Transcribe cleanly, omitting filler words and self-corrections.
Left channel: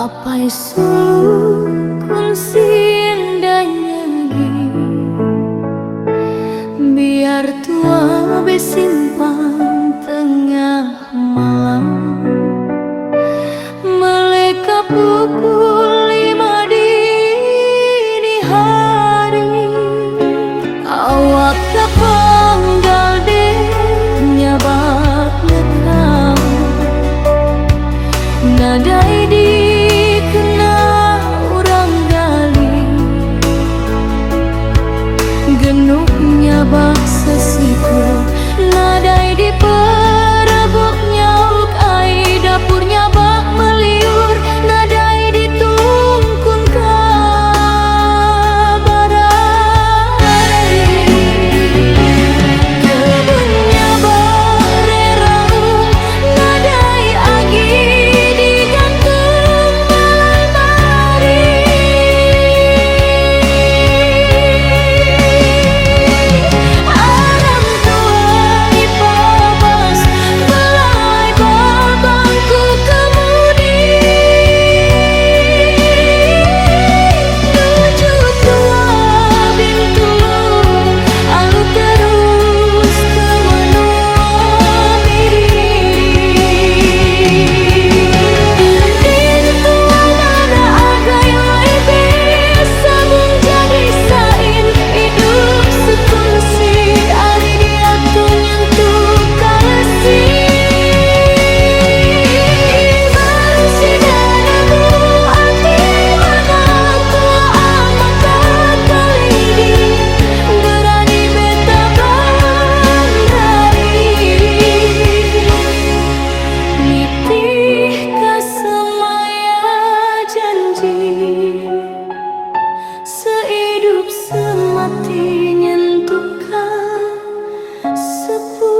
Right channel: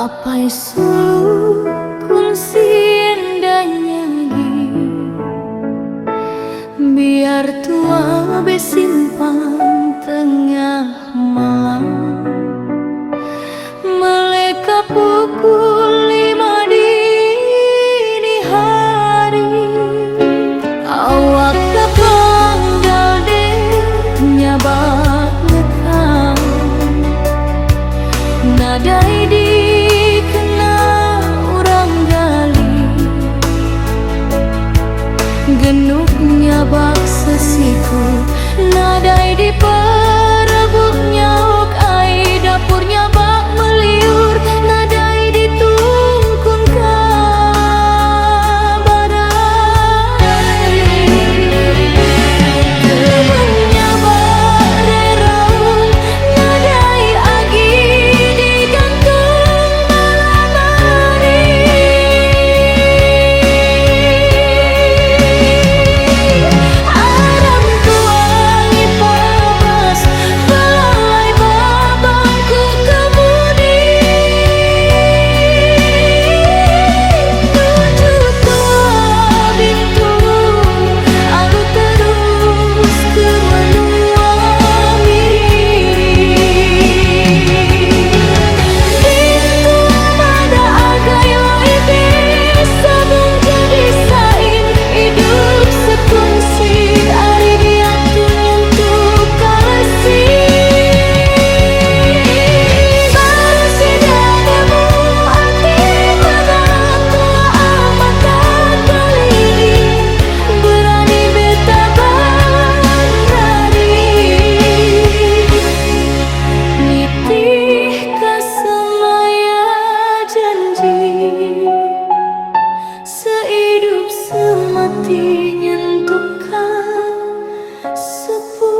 Apai sulukun siendanya biar tua besimpang tengah malam. Mereka pukul 5 dini hari. Awak kapanggal deh nyabak ngekang. Nadai dikena urang gali. Genuknya bak sesiku. Nadai diperebuk nyauk ai. Dapurnya bak meliur. Nadai ditungkun kabarari. Kebunnya bak reraung. Nadai agi digantung malamari. Aram tuang ipabas belalai babangku kemudi. Tuju tua bintulung alu terus ke menua miriri. Bintua mada agai waibe sabung jadi sain hidup sekunsi. Ari dia tu nyentuh kalesi. Baru sidanamu hati mana tua amat tak kalidi. Berani beta bandrari. Nitih kasemaya janji. Sehidup semati nyentuhkan sepuh